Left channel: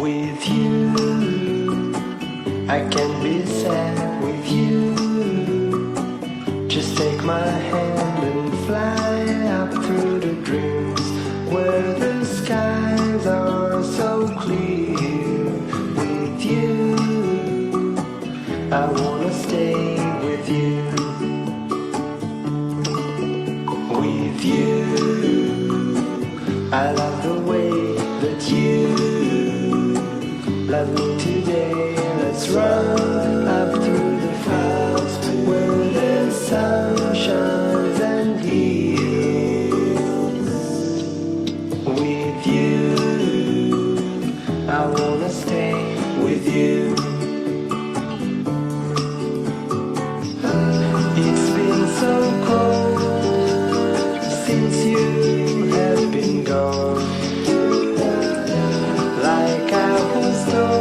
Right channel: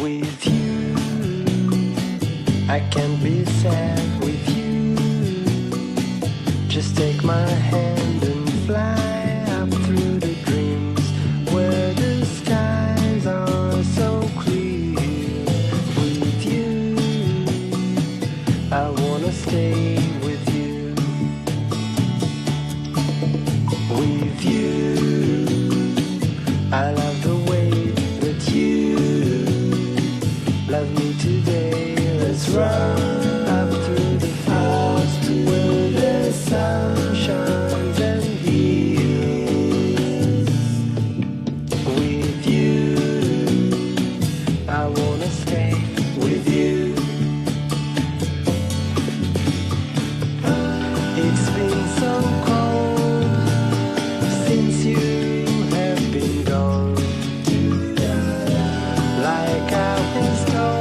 With you, I can't be sad with you. Just take my hand and fly up through the dreams where the skies are so clear. With you, I wanna stay with you. With you, I love the way that you love me today. Let's run up through the fields where the sun shines and heals. With you, I wanna stay with you. It's been so cold since you have been gone. Like I was told